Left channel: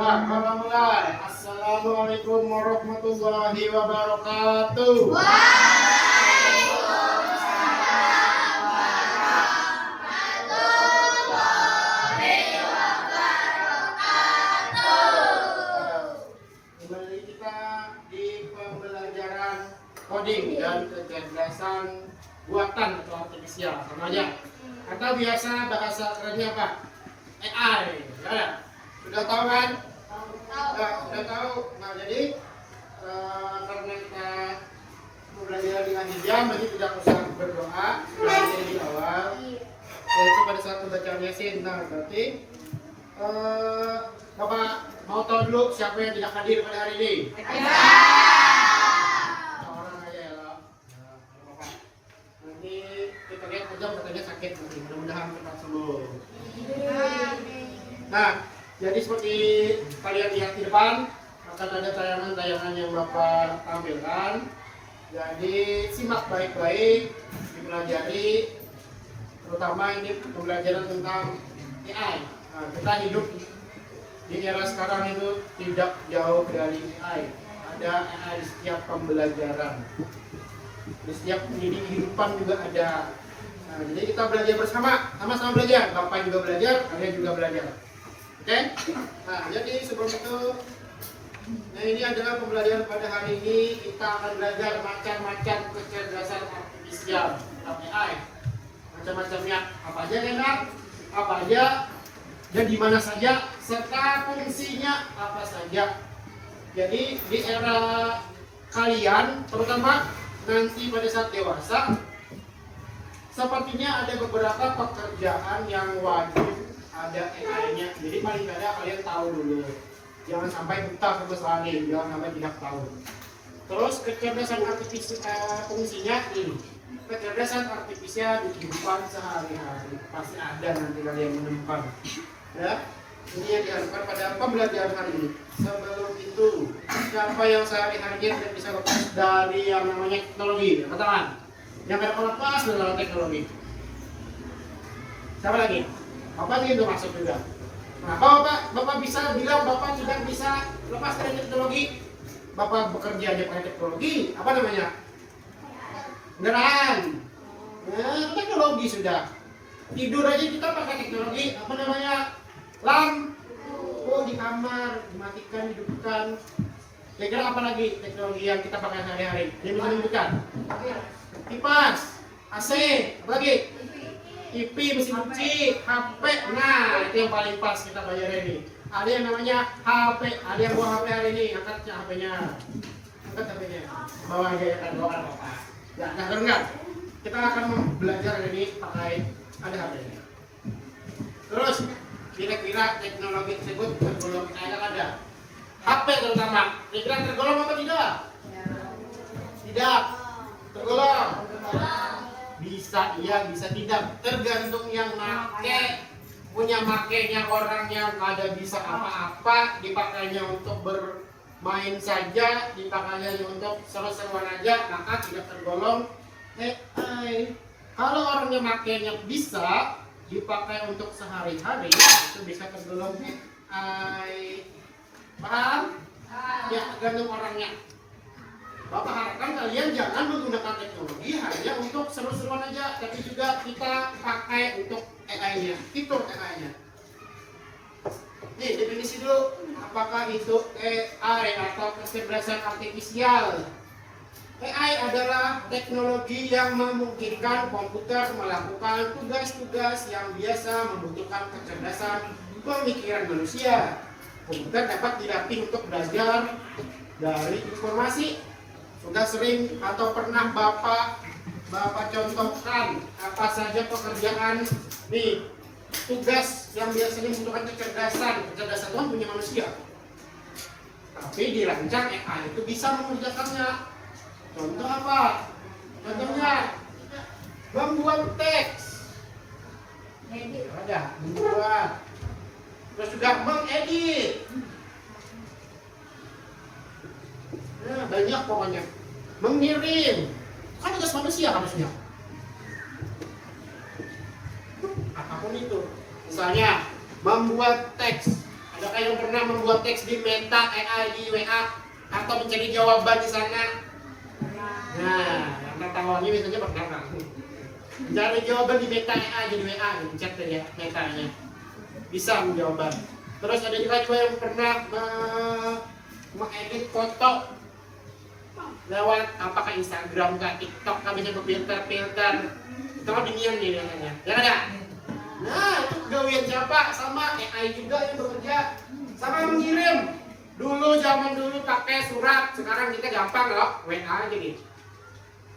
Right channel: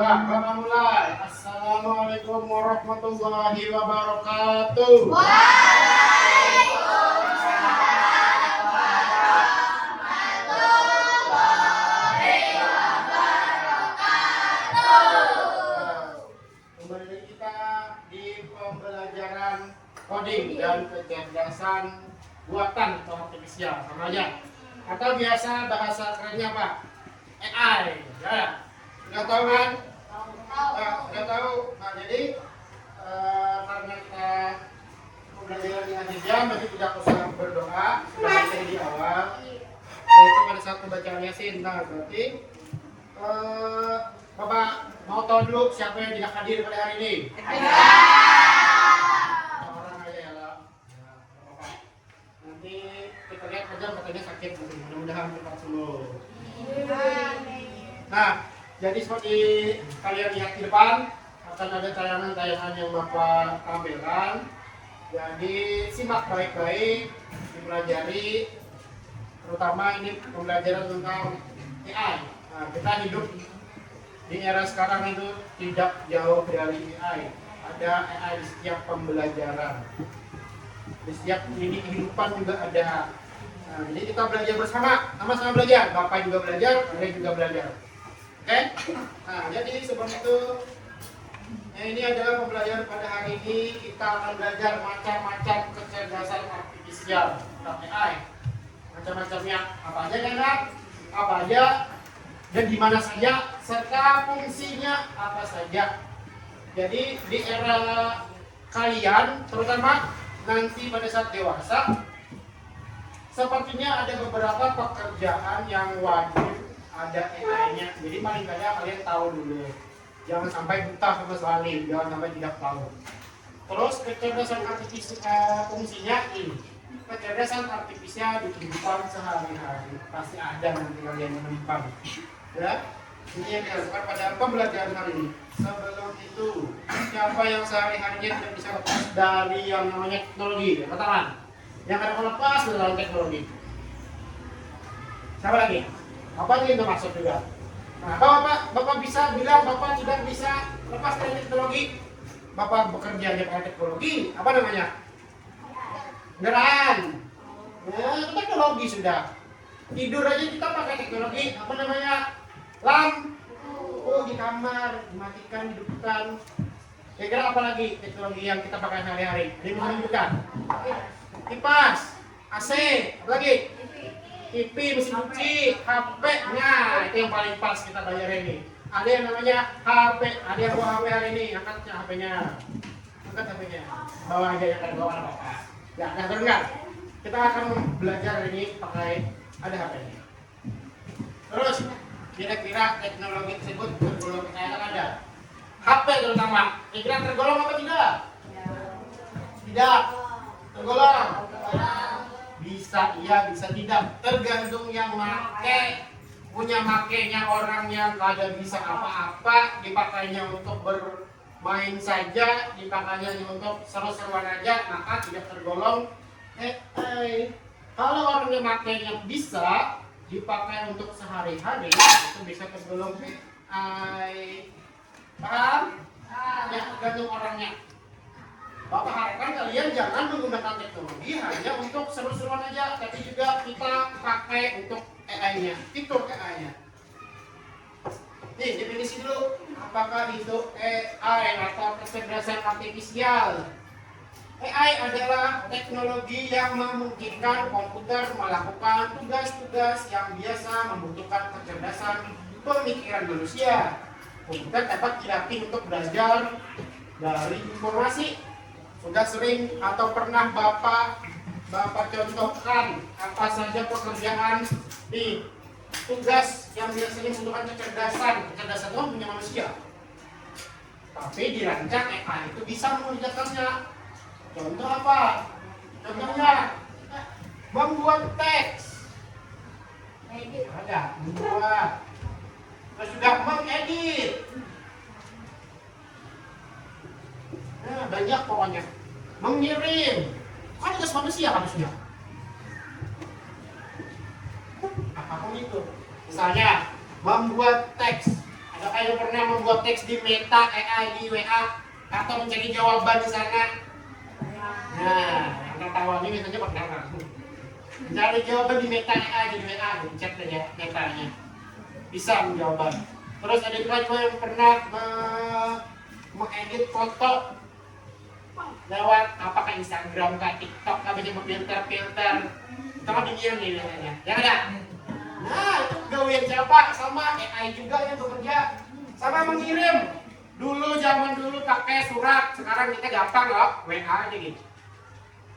Bapak mulai. Assalamualaikum warahmatullahi wabarakatuh. Kembali kita di pembelajaran coding dan kecerdasan buatan atau artifisial, sama aja. Atau biasa bahasa kerennya apa? AI. Ya, sudah tahu kan? Sudah tahu. Nah, jadi karena kita pembelajaran di akhir jam, jadi tidak usah berdoa. Sudah ada di awal. Yaitu pada saat pembacaan Yasin. Nah, berarti Bapak mau tahu dulu siapa yang tidak hadir pada hari ini? Orang aja ya, lah. Bapak. Nanti kita lihat saja katanya sakit, mudah-mudahan cepat sembuh. Nah, jadi seperti kalian lihat di depan akan ada tayangan-tayangan yang Bapak tampilkan. Jadi simak baik-baik, dipelajari, terutama ini pembelajaran tentang AI. Nah, kita hidup di era sekarang itu tidak jauh dari AI. Ada AI di setiap pembelajaran, di setiap lini kehidupan juga ada. Nah, jadi kita belajar bersama, sama-sama belajar. Bapak juga belajar, kalian juga belajar. Oke? Nah, jadi sebelum itu, nah ini adalah pembelajaran pada hari ini. Kita akan belajar macam-macam kecerdasan artifisial atau AI. Macam-macamnya, apa aja kan? Apa aja dan di mana saja, serta fungsinya apa saja. Jadi di era kalian, terutama nanti pada saat dewasa, sepertinya ada beberapa pekerjaan yang wajib ada AI-nya. Jadi paling tidak kalian tahu dulu. Jangan sampai buta sama sekali, jangan sampai tidak tahu. Terus kecerdasan artifisial fungsinya ini. Kecerdasan artifisial di kehidupan sehari-hari pasti ada nanti kalian menemukan. Ya, ini yang dilakukan pada pembelajaran hari ini. Sebelum itu, siapa yang sehari-harinya tidak bisa lepas dari yang namanya teknologi? Katakan, yang tidak lepas dari teknologi. Siapa lagi? Apa itu termasuk juga? Nah, Bapak bisa bilang Bapak tidak bisa lepas dari teknologi. Bapak bekerja di pakai teknologi, apa namanya? Kendaraan. Nah, teknologi sudah. Tidur aja kita pakai teknologi, apa namanya? Lampu di kamar, dimatikan, dihidupkan. Kira-kira apa lagi teknologi yang kita pakai sehari-hari? Ini menunjukkan. Kipas, AC, apa lagi? TV, mesin cuci, HP. Nah, itu yang paling pas kita belajar ini. Ada yang namanya HP, ada yang bawa HP hari ini, angkat HP-nya. Angkat HP-nya. Bawa aja ya kan, bawa apa? Ya, nah dengar. Kita akan belajar ini pakai ada HP ini. Terus kira-kira teknologi tersebut tergolong kayak ada. HP terutama, kira-kira tergolong apa tidak? Tidak. Tergolong. Bisa iya, bisa tidak. Tergantung yang make. Punya makainya orang yang ada bisa apa-apa, dipakainya untuk bermain saja, dipakainya untuk seru-seruan aja, maka tidak tergolong AI. Kalau orang yang makainya bisa dipakai untuk sehari-hari, itu bisa tergolong AI. Paham? Ya, tergantung orangnya. Bapak harapkan kalian jangan menggunakan teknologi hanya untuk seru-seruan aja, tapi juga kita pakai untuk AI-nya, fitur AI-nya. Nih, definisi dulu, apakah itu AI atau kecerdasan artifisial? AI adalah teknologi yang memungkinkan komputer melakukan tugas-tugas yang biasa membutuhkan kecerdasan pemikiran manusia. Komputer dapat dilatih untuk belajar dari informasi. Sudah sering atau pernah Bapak contohkan apa saja pekerjaan di tugas yang biasanya membutuhkan kecerdasan itu punya manusia. Tapi dirancang AI itu bisa mengerjakannya. Contoh apa? Contohnya membuat teks. Ada membuat. Terus juga mengedit. Nah, banyak pokoknya. Mengirim. Kan tugas manusia harusnya. Apapun itu. Misalnya membuat teks. Adakah yang pernah pernah membuat teks di Meta AI di WA atau mencari jawaban di sana? Nah, yang tertawa ini biasanya pernah kan? Mencari jawaban di Meta AI di WA, chat aja Metanya. Bisa menjawab. Terus ada juga yang pernah mengedit foto lewat apakah Instagram, TikTok, bisa filter. Itu kan demikian nih biasanya. Ya ada? Nah, itu gawean siapa? Sama AI juga yang bekerja. Sama mengirim. Zaman dulu pakai surat, sekarang kita gampang loh, WA aja gitu.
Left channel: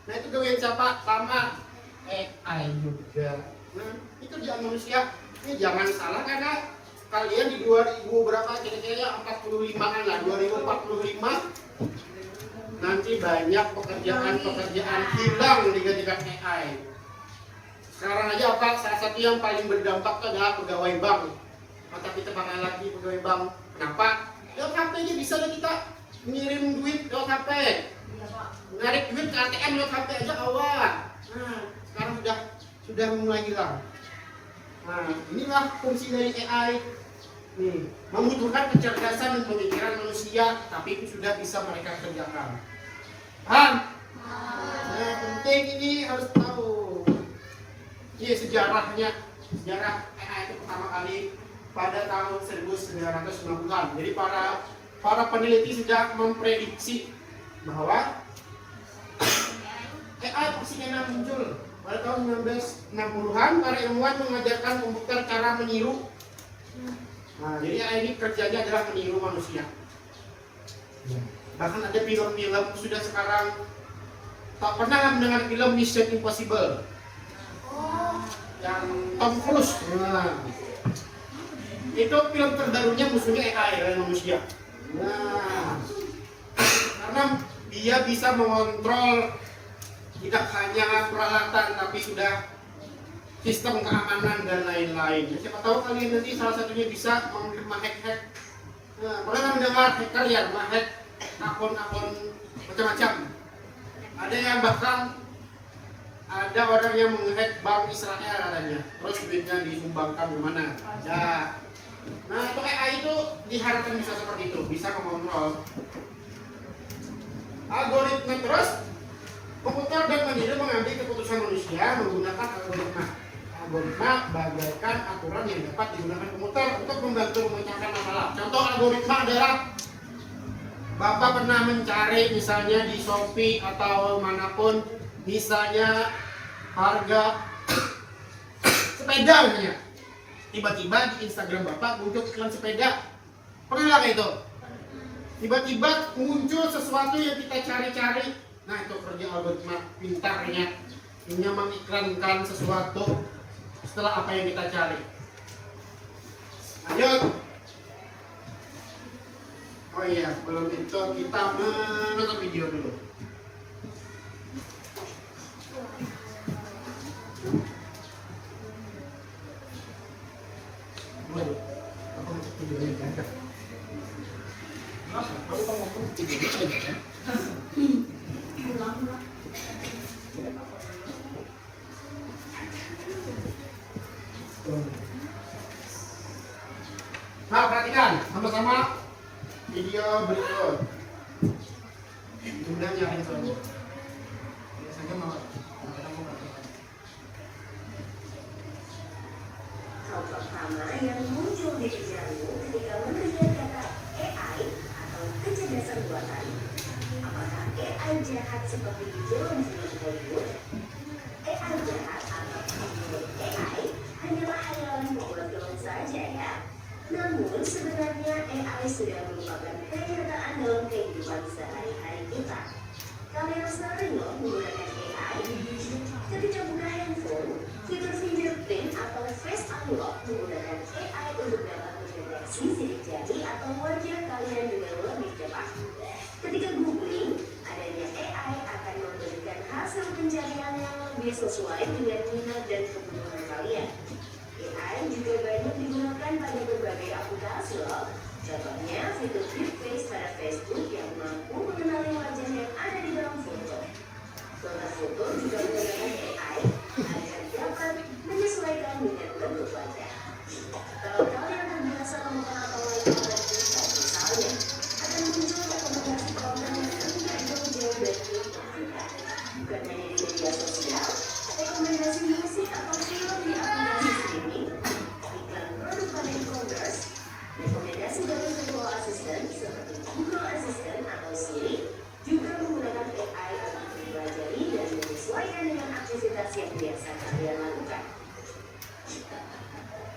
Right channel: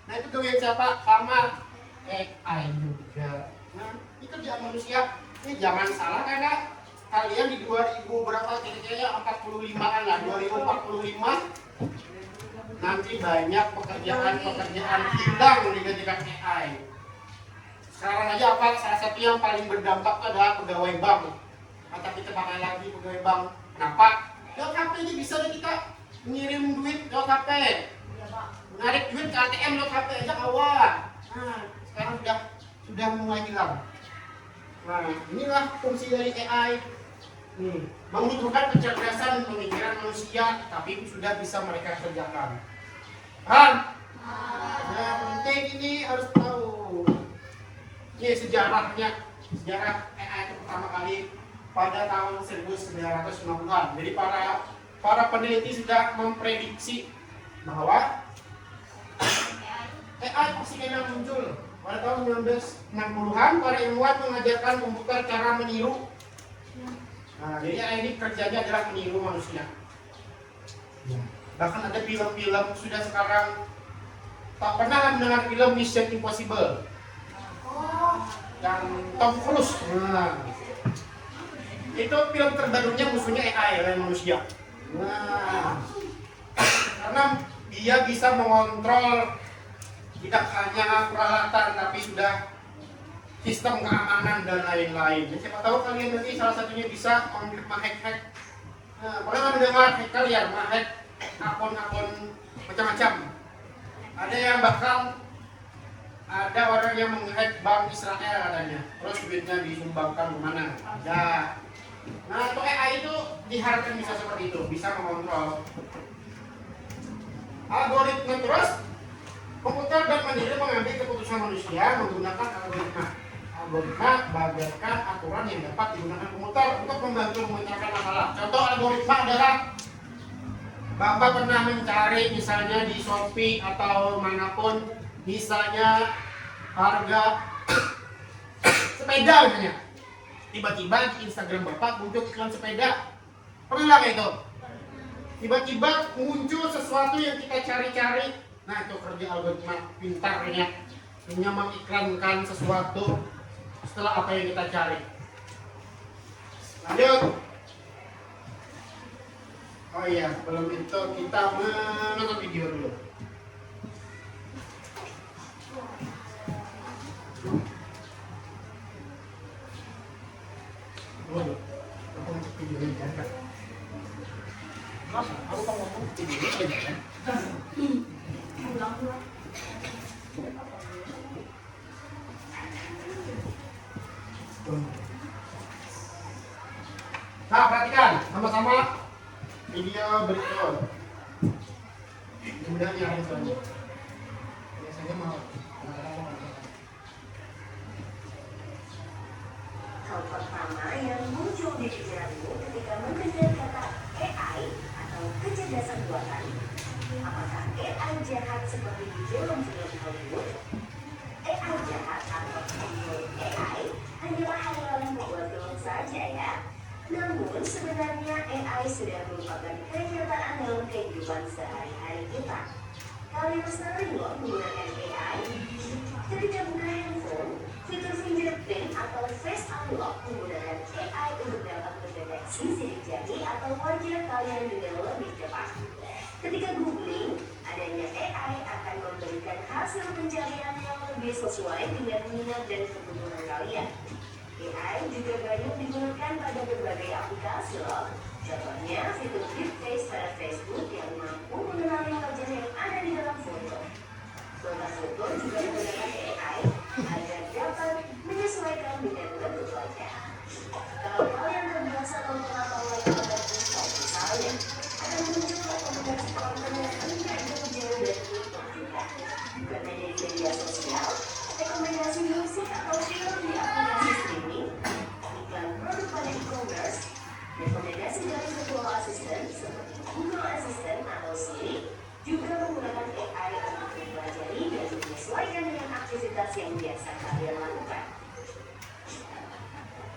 Nah, itu gawean siapa? Sama AI juga. Nah, itu kerjaan manusia. Ini jangan salah karena kalian di 2000 berapa kira-kira 45-an lah, 2045 nanti banyak pekerjaan hilang digantikan AI. Sekarang aja apa? Salah satu yang paling berdampak adalah pegawai bank. Atau kita pakai lagi pegawai bank. Kenapa? Lewat HP aja bisa kita ngirim duit lewat HP. Narik duit ke ATM lewat HP aja kawan. Nah, sekarang sudah mulai hilang. Nah, inilah fungsi dari AI. Nih, membutuhkan kecerdasan pemikiran manusia, tapi itu sudah bisa mereka kerjakan. Paham? Nah, penting ini harus tahu. Ini sejarahnya. Sejarah AI itu pertama kali pada tahun 1990-an. Jadi para peneliti sudah memprediksi bahwa AI pasti akan muncul. Pada tahun 1960-an, para ilmuwan mengajarkan komputer cara meniru. Nah, jadi AI ini kerjanya adalah meniru manusia. Bahkan ada film-film sudah sekarang. Tak pernah mendengar film Mission Impossible? Yang Tom Cruise. Nah, itu film terbarunya musuhnya AI oleh manusia. Nah, karena dia bisa mengontrol tidak hanya peralatan tapi sudah sistem keamanan dan lain-lain. Siapa tahu kalian nanti salah satunya bisa menghack. Nah, pernah mendengar hacker ya, menghack akun-akun macam-macam. Ada yang bahkan ada orang yang menghack bank Israel katanya, terus duitnya disumbangkan kemana? Ada. Nah, itu AI itu diharapkan bisa seperti itu, bisa mengontrol algoritma. Terus komputer dan mandiri mengambil keputusan manusia menggunakan algoritma bagaikan aturan yang dapat digunakan komputer untuk membantu memecahkan masalah. Contoh algoritma adalah Bapak pernah mencari misalnya di Shopee atau manapun misalnya harga sepeda misalnya. Tiba-tiba di Instagram Bapak muncul iklan sepeda. Pernah nggak itu? Tiba-tiba muncul sesuatu yang kita cari-cari. Nah, itu kerja algoritma pintarnya. Hanya mengiklankan sesuatu setelah apa yang kita cari. Lanjut. Oh iya, sebelum itu kita menonton video dulu. Aku mau video ini kan? Aku mau ngomong video ini kan? Nah, perhatikan sama-sama video berikut. Mudah ya ini. Biasanya mau hal pertama yang muncul di pikiranmu ketika mendengar kata AI atau kecerdasan buatan. Apakah AI jahat seperti di film-film Hollywood? AI jahat atau pembuat AI hanyalah hayalan pembuat film saja ya. Namun sebenarnya AI sudah merupakan kenyataan dalam kehidupan sehari-hari kita. Kalian sering loh menggunakan AI. Ketika buka handphone, fitur fingerprint atau face unlock menggunakan AI untuk dapat mendeteksi sidik jari atau wajah kalian dengan lebih cepat. Ketika googling, adanya AI akan memberikan hasil pencarian yang lebih sesuai dengan minat dan kebutuhan kalian. AI juga banyak digunakan pada berbagai aplikasi loh. Contohnya fitur deepfake pada Facebook yang mampu mengenali wajah yang ada di dalam foto. Foto foto juga menggunakan AI agar dapat menyesuaikan dengan bentuk wajah. Kalau kalian terbiasa memakai foto berbasis dari virtual assistant seperti Google Assistant atau Siri juga menggunakan AI untuk mempelajari dan menyesuaikan dengan aktivitas yang biasa kalian lakukan.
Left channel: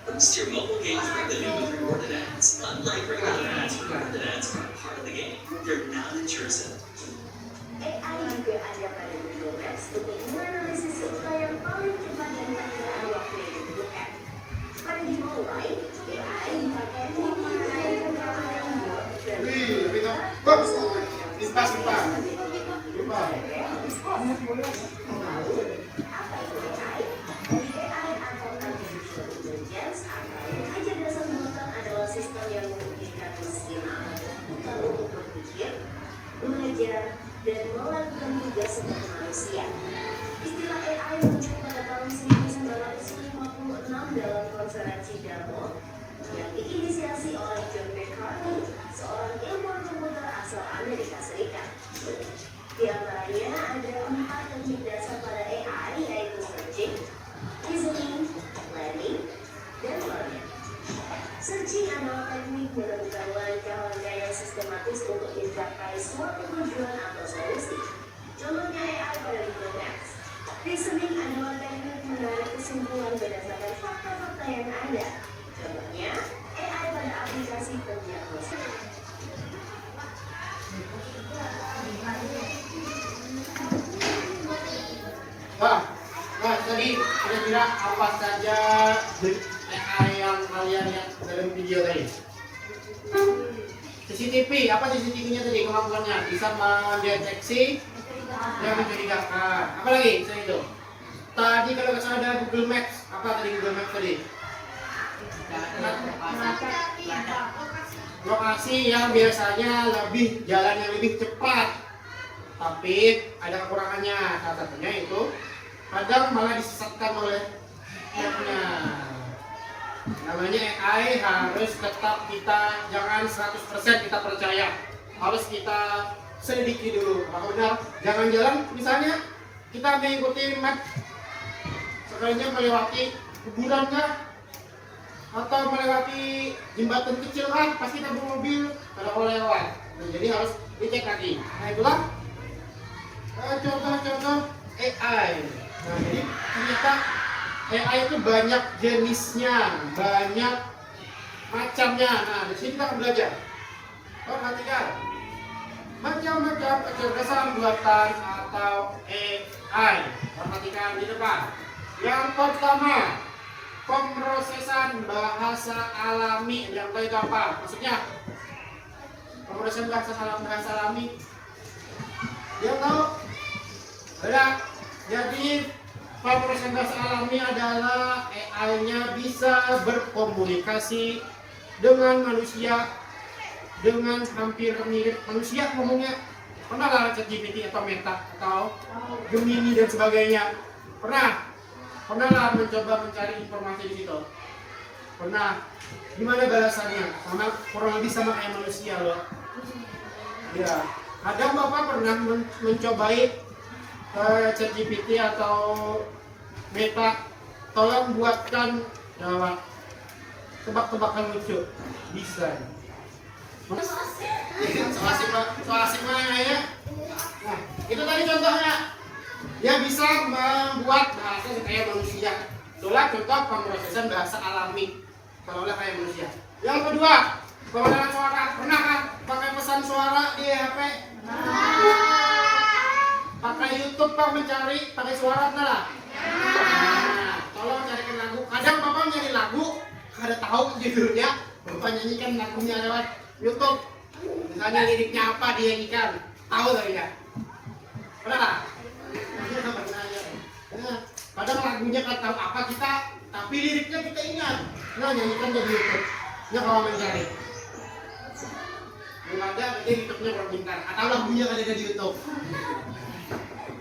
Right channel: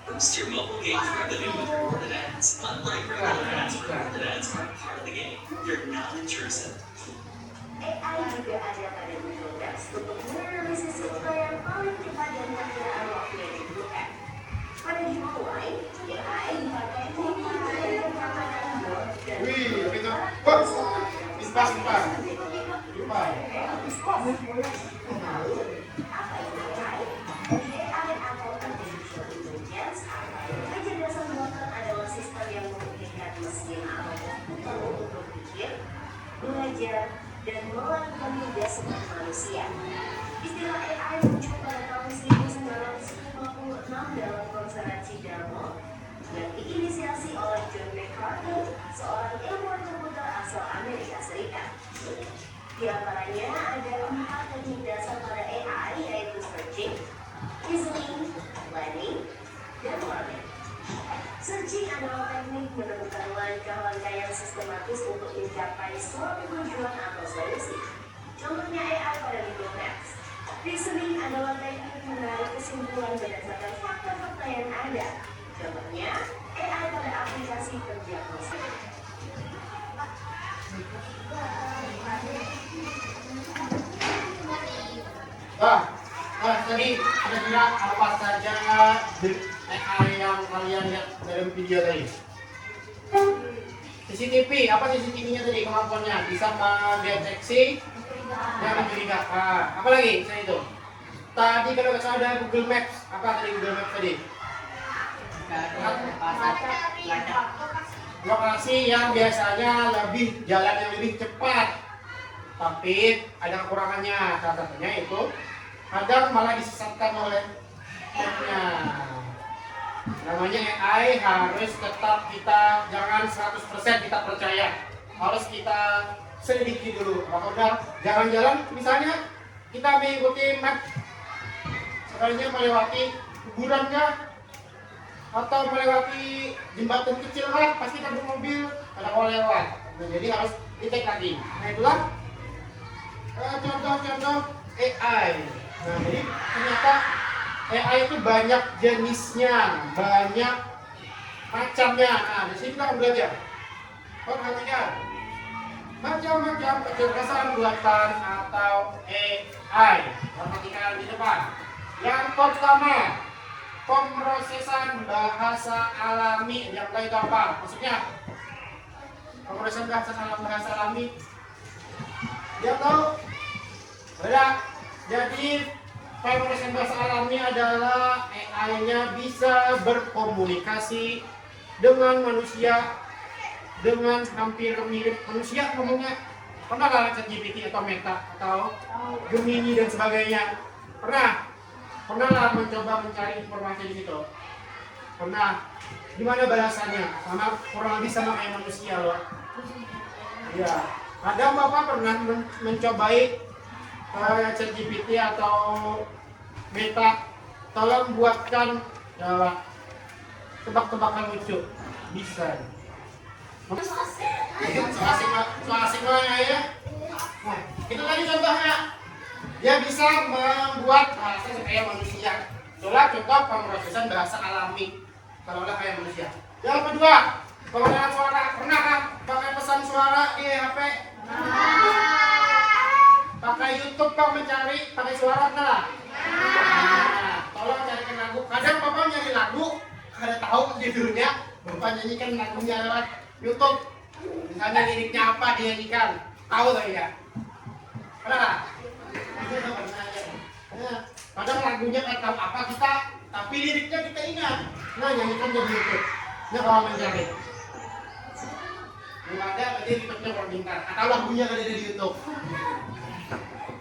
Boost your mobile games revenue with rewarded ads. Unlike regular ads, rewarded ads are part of the game. You're not intrusive. AI juga ada pada Google Maps untuk menganalisis rute yang paling cepat dan penggunaan waktu yang dibutuhkan. Pada dimulai, AI dipakai untuk mengenai beberapa tombol dan Wih, kita Ispas. apa itu AI? AI atau Artificial Intelligence atau kecerdasan buatan adalah sistem yang memungkinkan mesin atau komputer untuk berpikir, belajar, dan melakukan tugas seperti manusia. Istilah AI muncul pada tahun 1956 dalam konferensi Dartmouth yang diinisiasi oleh John McCarthy, seorang ilmuwan komputer asal Amerika Serikat. Di antaranya ada 4 teknik dasar pada AI, yaitu searching, reasoning, planning, dan learning. Searching adalah teknik menentukan langkah-langkah yang sistematis untuk mencapai suatu tujuan atau solusi. Contohnya AI pada Google Maps. Reasoning adalah teknik menarik kesimpulan berdasarkan fakta-fakta yang ada. Contohnya AI pada aplikasi pendiagnosis. Tadi ada bilang apa saja AI yang kalian lihat dalam video tadi? CCTV, apa CCTV-nya tadi kemampuannya? Bisa mendeteksi yang mencurigakan. Apa lagi? Saya itu. Tadi kalau nggak salah ada Google Maps. Apa tadi Google Maps tadi? Lokasi yang biasanya jalan yang lebih cepat, tapi ada kekurangannya. Salah satunya itu kadang malah disesatkan oleh mapnya. Namanya AI harus tetap kita jangan 100% kita percaya, harus kita selidiki dulu. Kalau udah jangan jalan, misalnya kita mengikuti map, sekalinya melewati kuburan kah, atau melewati jembatan kecil kan, pasti kita bermobil ada kalau lewat. Nah, jadi harus dicek lagi. Nah itulah contoh-contoh AI. Nah jadi ternyata AI itu banyak jenisnya, banyak macamnya. Nah di sini kita akan belajar. Perhatikan macam-macam kecerdasan buatan atau AI. Perhatikan di depan. Yang pertama, pemrosesan bahasa alami. Yang baik apa? Maksudnya pemrosesan bahasa alami. Dia tahu? Ada. Jadi pemrosesan bahasa alami adalah AI-nya bisa berkomunikasi dengan manusia dengan hampir mirip manusia ngomongnya. Pernah nggak ChatGPT atau Meta atau Gemini dan sebagainya? Pernah nggak mencoba mencari informasi di situ? Pernah. Gimana balasannya? Sama kurang lebih sama kayak manusia loh. Ya. Ada Bapak pernah mencobai ChatGPT atau Meta, tolong buatkan tebak-tebakan lucu. Bisa. Soal ya. Nah, itu tadi contohnya. Dia bisa membuat bahasa kayak manusia. Itulah contoh pemrosesan bahasa alami. Kalau kayak manusia. Yang kedua, penggunaan suara. Pernah kan pakai pesan suara di HP? Pakai YouTube Pak mencari pakai suara nah. Tolong carikan lagu. Kadang Bapak nyari lagu, kada tahu judulnya, Bapak nyanyikan lagunya lewat YouTube. Misalnya liriknya apa dinyanyikan, tahu nggak ya? Pernah nggak? Kadang lagunya nggak tahu apa kita, tapi liriknya kita ingat. Nah nyanyikan dari YouTube. Ini kalau mencari. Belum ada, berarti YouTube-nya belum pintar. Atau lagunya ada di YouTube.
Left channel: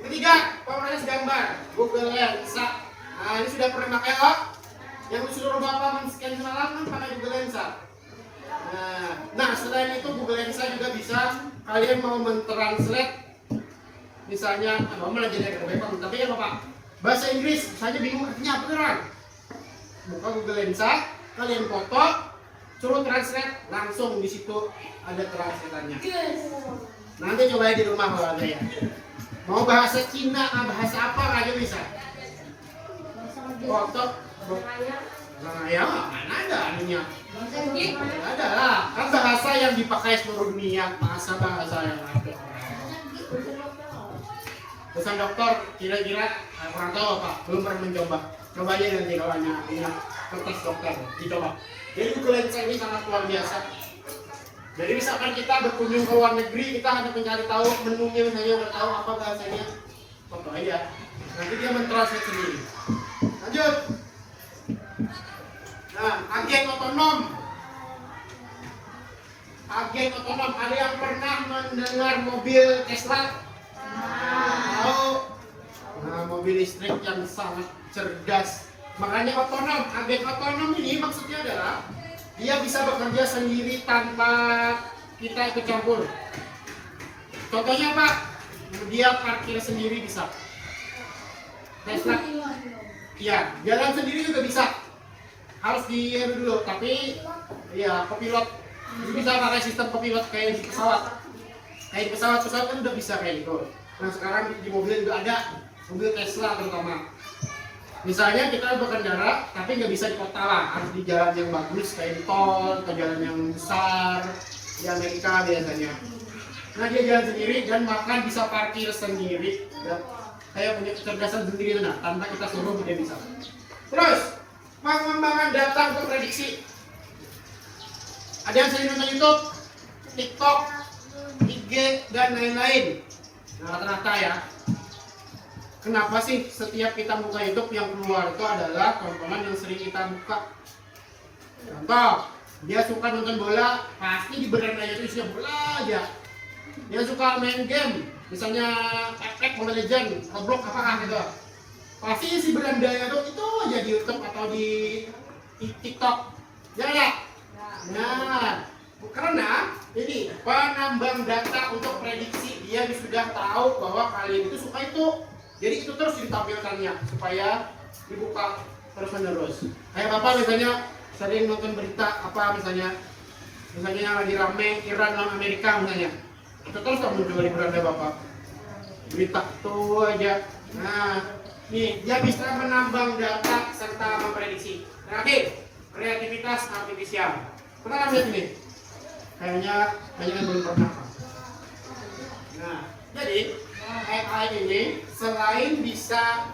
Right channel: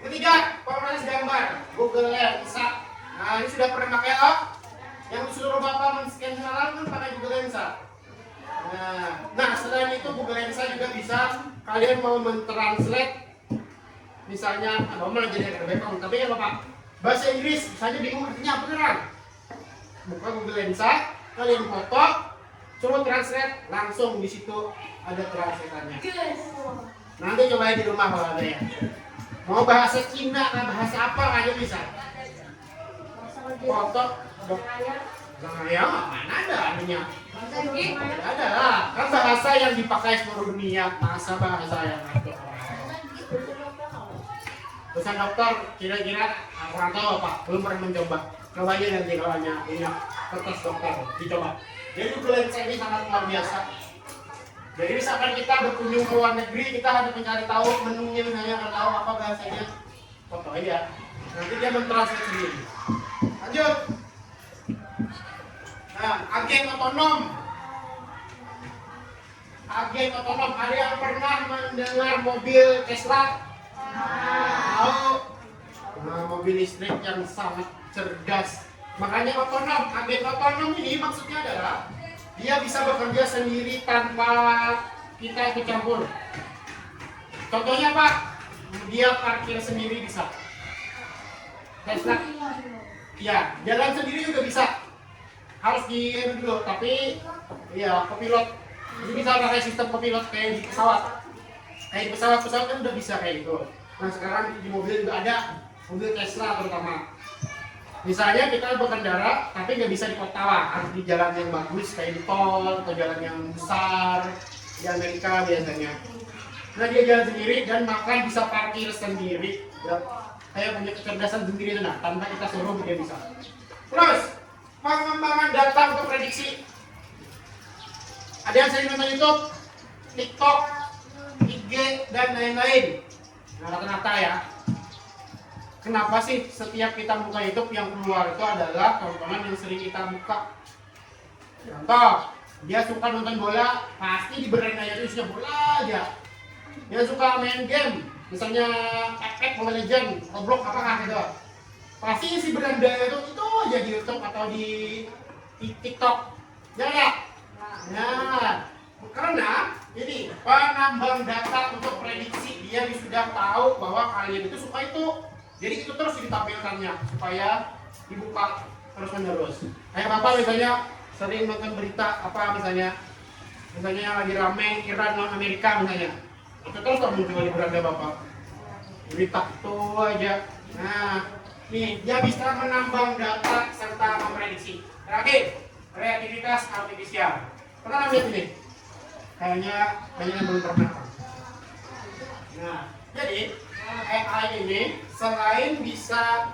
Ketiga, pemrosesan gambar Google Lensa. Nah ini sudah pernah pakai yang seluruh Bapak men-scan halaman pakai Google Lensa. Nah selain itu Google Lensa juga bisa kalian mau mentranslate, misalnya mau belajar dari Bapak, tapi kan Bapak bahasa Inggris misalnya bingung artinya apa kan? Buka Google Lensa, kalian foto, suruh translate, langsung di situ ada translatannya. Nanti coba di rumah kalau ada ya. Mau bahasa Cina, bahasa apa aja bisa. Foto, ya mana ada anunya? Tidak ada lah. Kan bahasa yang dipakai seluruh dunia, bahasa yang ada. Pesan dokter kira-kira kurang tahu apa, belum pernah mencoba. Coba aja nanti kalau punya kertas dokter, dicoba. Jadi influenza ini sangat luar biasa. Jadi misalkan kita berkunjung ke luar negeri, kita harus mencari tahu menunya, misalnya nggak tahu apa bahasanya, foto aja. Nanti dia mentranslate sendiri. Lanjut. Nah, agen otonom. Agen otonom. Ada yang pernah mendengar mobil Tesla? Tahu? Nah, mobil listrik yang sangat cerdas. Makanya otonom. Agen otonom ini maksudnya adalah dia bisa bekerja sendiri tanpa kita ikut campur. Contohnya Pak, dia parkir sendiri bisa. Tesla. Ya, jalan sendiri juga bisa. Harus di dulu, tapi ya kopilot. Jadi bisa pakai sistem kopilot kayak di pesawat. Kayak di pesawat kan udah bisa kayak gitu. Nah sekarang di mobil juga ada, mobil Tesla terutama. Misalnya kita berkendara, tapi nggak bisa di kota lah, harus di jalan yang bagus kayak di tol atau jalan yang besar di Amerika biasanya. Nah dia jalan sendiri dan makan bisa parkir sendiri. Ya, kayak punya kecerdasan sendiri nah, tanpa kita suruh dia bisa. Terus pengembangan data untuk prediksi. Ada yang sering nonton YouTube, TikTok, IG dan lain-lain. Nah, rata-rata ya. Kenapa sih setiap kita buka YouTube yang keluar itu adalah tontonan yang sering kita buka? Contoh, dia suka nonton bola, pasti di berandanya itu isinya bola aja. Dia suka main game, misalnya Apex, Mobile Legends, Roblox apakah gitu. Pasti isi berandanya itu aja di YouTube atau di TikTok. Ya ya. Nah, karena ini penambang data untuk prediksi, dia sudah tahu bahwa kalian itu suka itu. Jadi itu terus ditampilkannya supaya dibuka terus menerus. Kayak Bapak misalnya sering nonton berita apa misalnya lagi rame Iran lawan Amerika misalnya, itu terus muncul di beranda Bapak. Berita itu aja. Nah, nih dia bisa menambang data serta memprediksi. Terakhir, kreativitas artifisial. Pernah lihat ini? Kayaknya banyak yang belum pernah. Nah, jadi AI ini selain bisa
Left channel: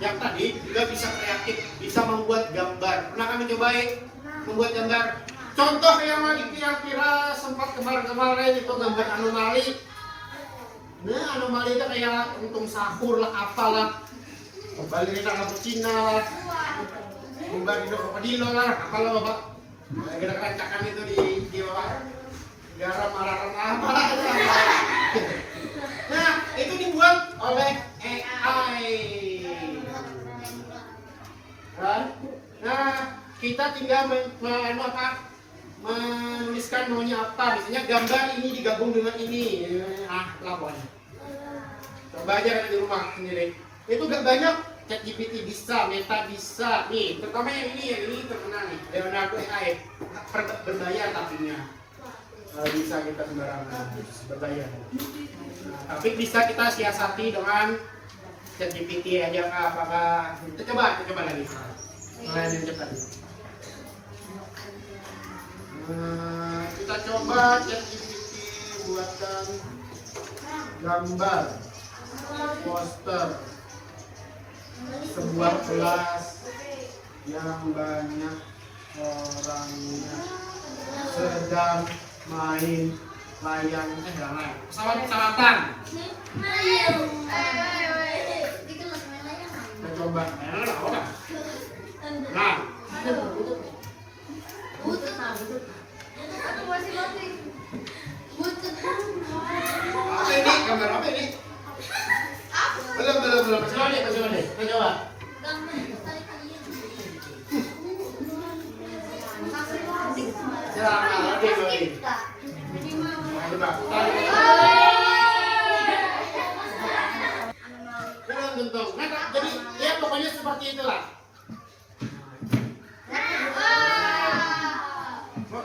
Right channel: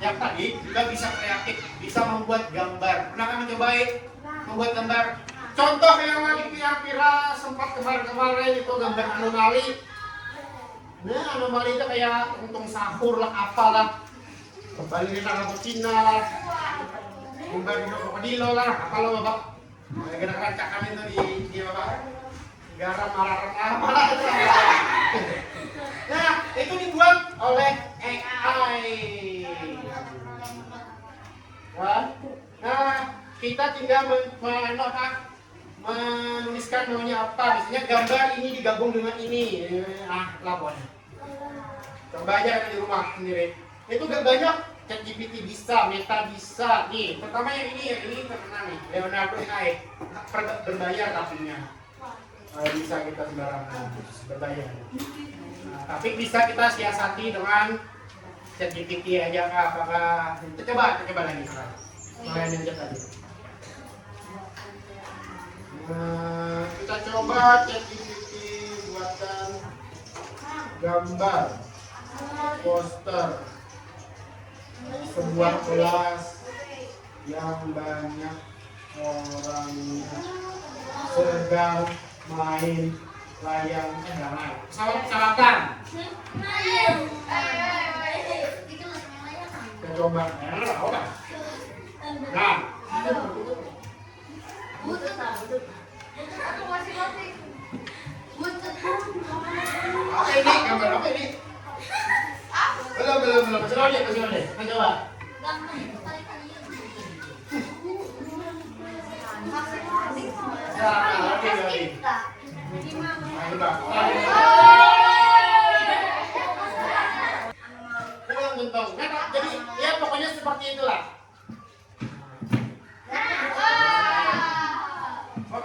yang tadi juga bisa kreatif, bisa membuat gambar. Pernah kami cobain membuat gambar. Contoh yang lagi kira-kira sempat kemarin itu gambar anomali. Nah, anomali itu kayak untung sahur lah, apalah. Ballerina cappuccino lah. Gambar di krokodilo lah, apalah Bapak. Gerakan cakam itu di Bapak. Garam marah apa? Nah, itu dibuat oleh AI. Nah, kita tinggal menuliskan maunya apa. Misalnya gambar ini digabung dengan ini. Lapor. Coba aja di rumah sendiri. Itu gak banyak. ChatGPT bisa, Meta bisa. Nih, terutama yang ini terkenal nih. Leonardo AI. Berbayar tapinya. Bisa kita sembarangan berbayar. Nah, tapi bisa kita siasati dengan ChatGPT aja kah? Apakah kita coba lagi sekarang. Mulai yang cepat. Kita coba ChatGPT buatkan gambar poster sebuah kelas yang banyak orangnya sedang main layang pesawat-pesawatan. Coba. Nah. Apa ini? Gambar apa ini? Belum. Kasih lagi. Coba. Ya, oke. Coba. Bentuk. Jadi ya pokoknya seperti itulah.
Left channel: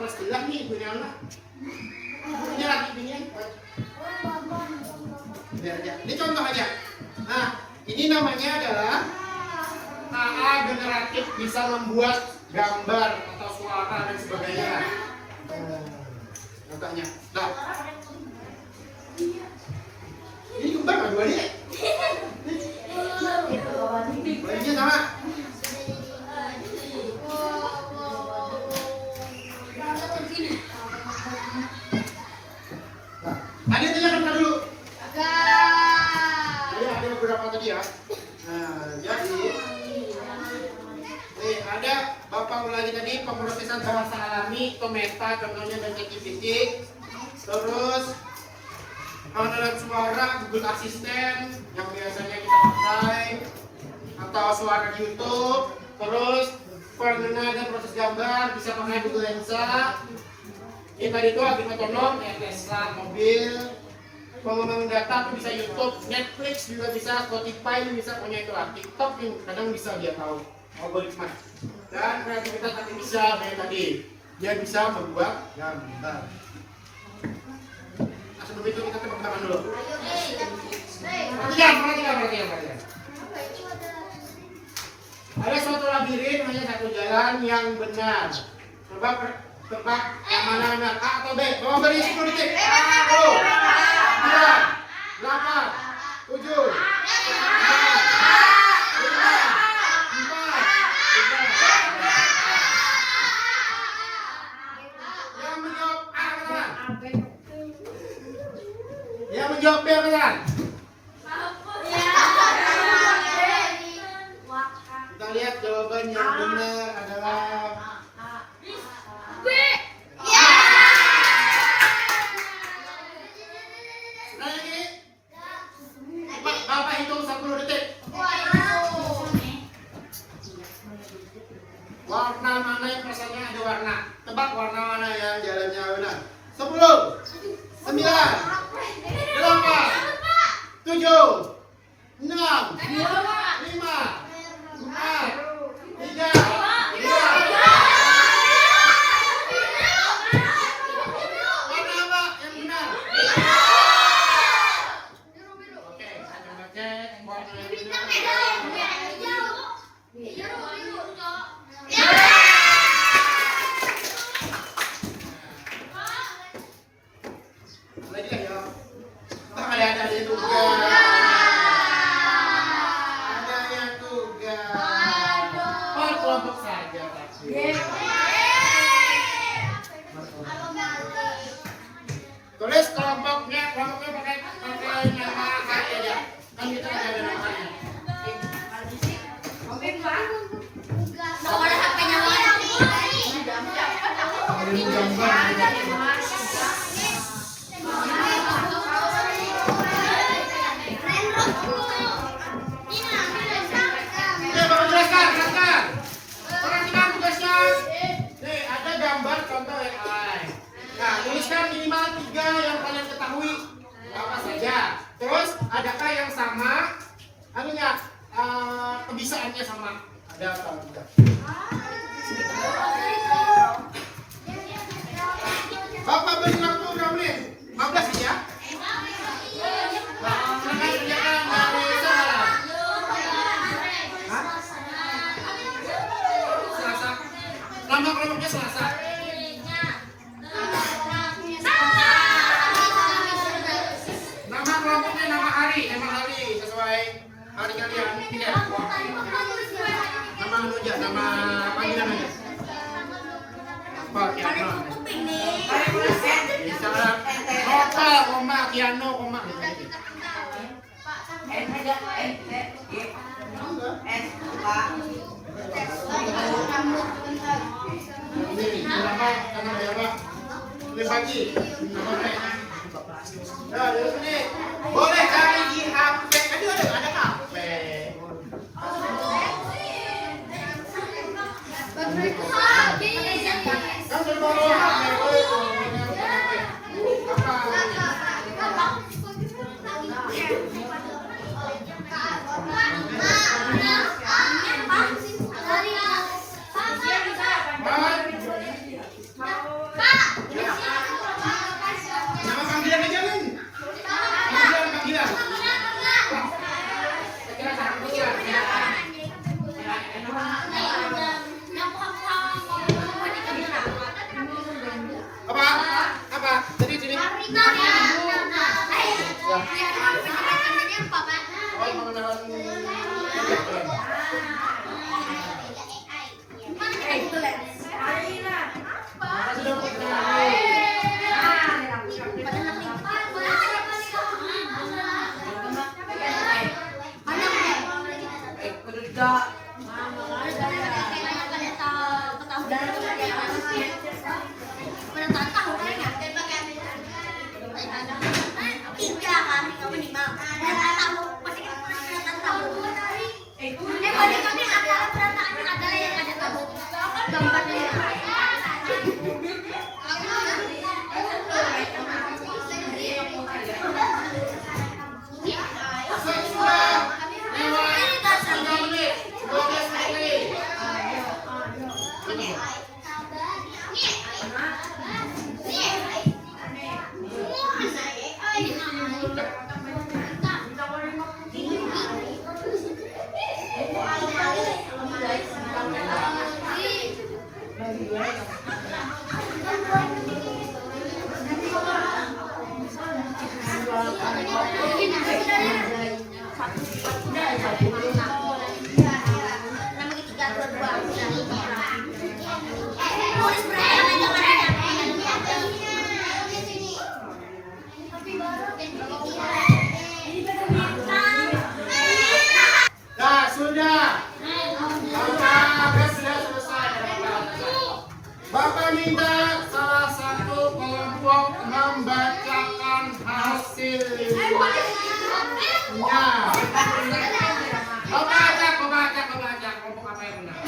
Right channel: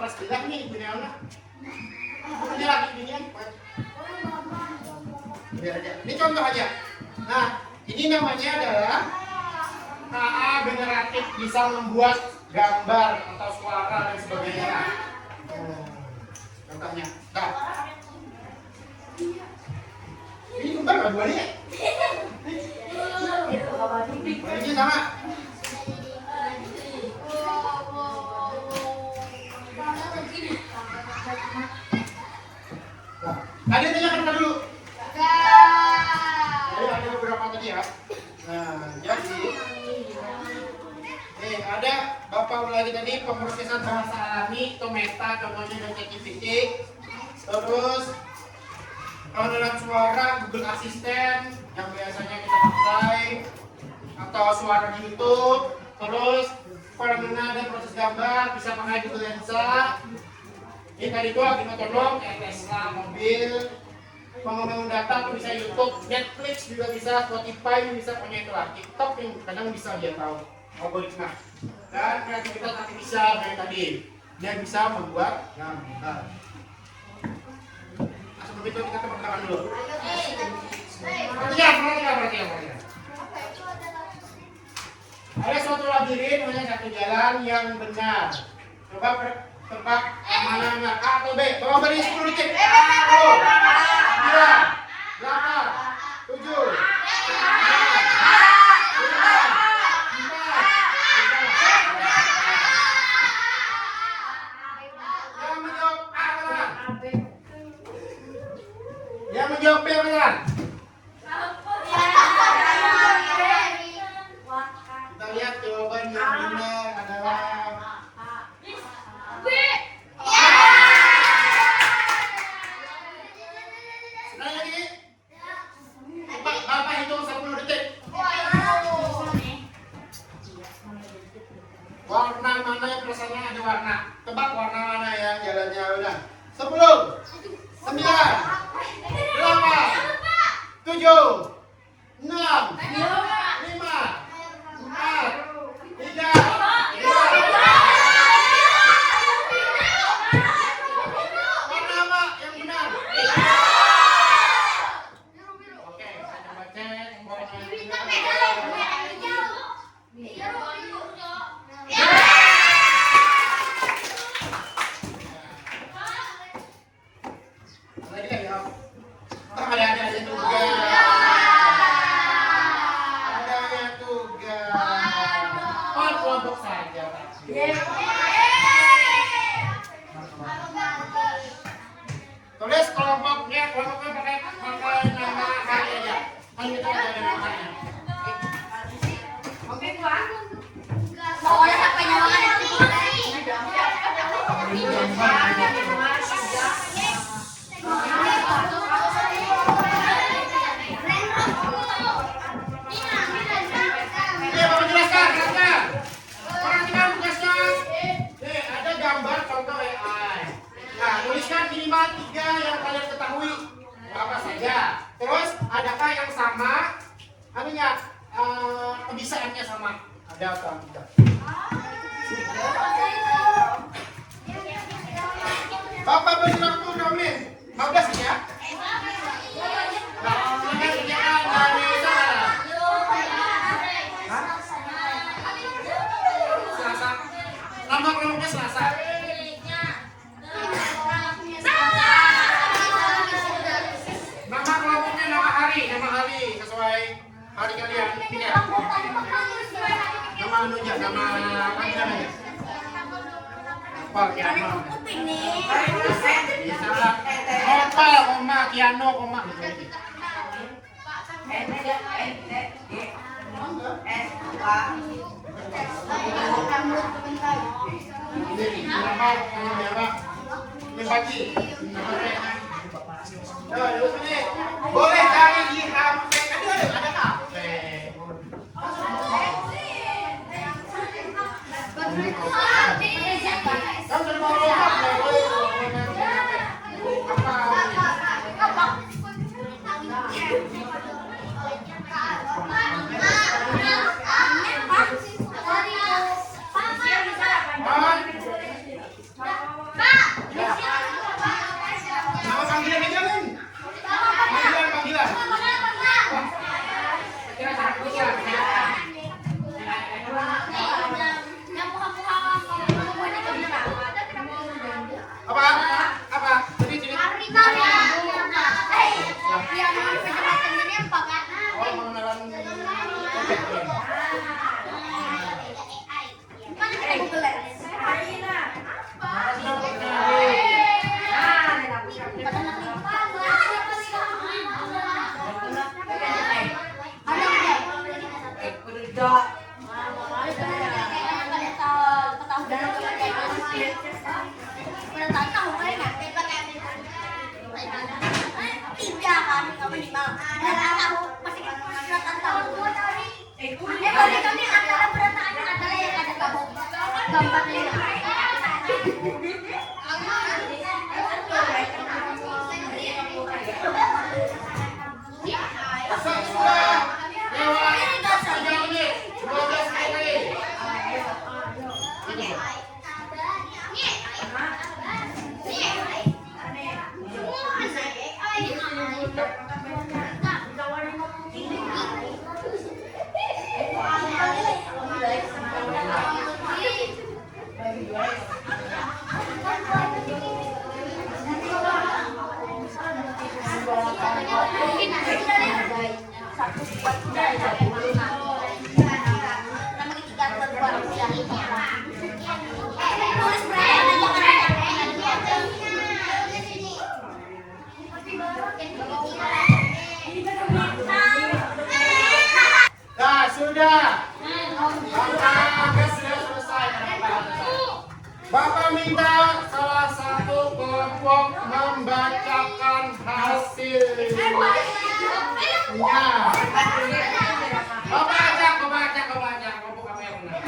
kelas bilang nih Bu Neona. Ini lagi beginian. Biar aja. Ini contoh aja. Nah, ini namanya adalah KA generatif, bisa membuat gambar atau suara dan sebagainya. Contohnya. Nah. Ini kembar nggak dua nih? Ini sama. Ada tanyakan dulu. Jadi ada beberapa tadi ya. Nah, jadi ada Bapak lagi tadi pemrosesan bahasa alami atau meta, contohnya dengan ChatGPT. Terus kalau dalam suara Google Assistant yang biasanya kita pakai, atau suara di YouTube. Terus pendengar dan proses gambar bisa pakai Google Lensa. Ini tadi itu lagi metronom, Tesla, mobil. Pengembangan data itu bisa YouTube, Netflix juga bisa, Spotify bisa, punya itu lah. TikTok yang kadang bisa dia tahu algoritma. Dan kreativitas tapi bisa dari tadi, dia bisa membuat gambar. Nah, sebelum itu kita tepuk tangan dulu. Perhatikan. Ada suatu labirin, namanya satu jalan yang benar. Coba tebak mana? A atau B? Coba beri 10 detik. A, O, 2, 8, 7, 6, 5, 4, 3. Yang menjawab B benar. Kita lihat jawaban yang benar adalah B. Lagi. Bapak hitung 10 detik. Warna mana yang rasanya ada warna? Tebak warna mana yang jalannya udah. 10, 9, 8, 7, 6, 5, 4, 3, 2. Warna apa yang benar? Oke, kita coba cek warna yang benar. Ada tugas. Oh, kelompok saja. Tulis kelompoknya pakai nama kaki aja. Kan kita ada namanya. Tuliskan minimal 3 yang kalian ketahui apa saja. Terus adakah yang sama? Anunya kebisaannya sama? Ada apa? Bapak beri waktu dong nih. 15 ya? Nah, kerjaan dari sana. Selasa. Kelompok-kelompoknya Selasa. Nama hari sesuai hari kalian. Nama aja, nama panggilan aja. Apa Kiano? Bisa lah. Opal, Oma, Kiano, Oma. Ini nama berapa? Ini pagi. Boleh cari di HP. Ada kafe. Kamu dari mana? minimal. Masih kelihatan tahu. Kalau kami antara berantakan adalah yang ada gambarnya. Nah, sudah. Bapak sudah selesai. Bapak minta salah satu kelompok membacakan hasilnya. Bapak ajak kelompok apa yang benar?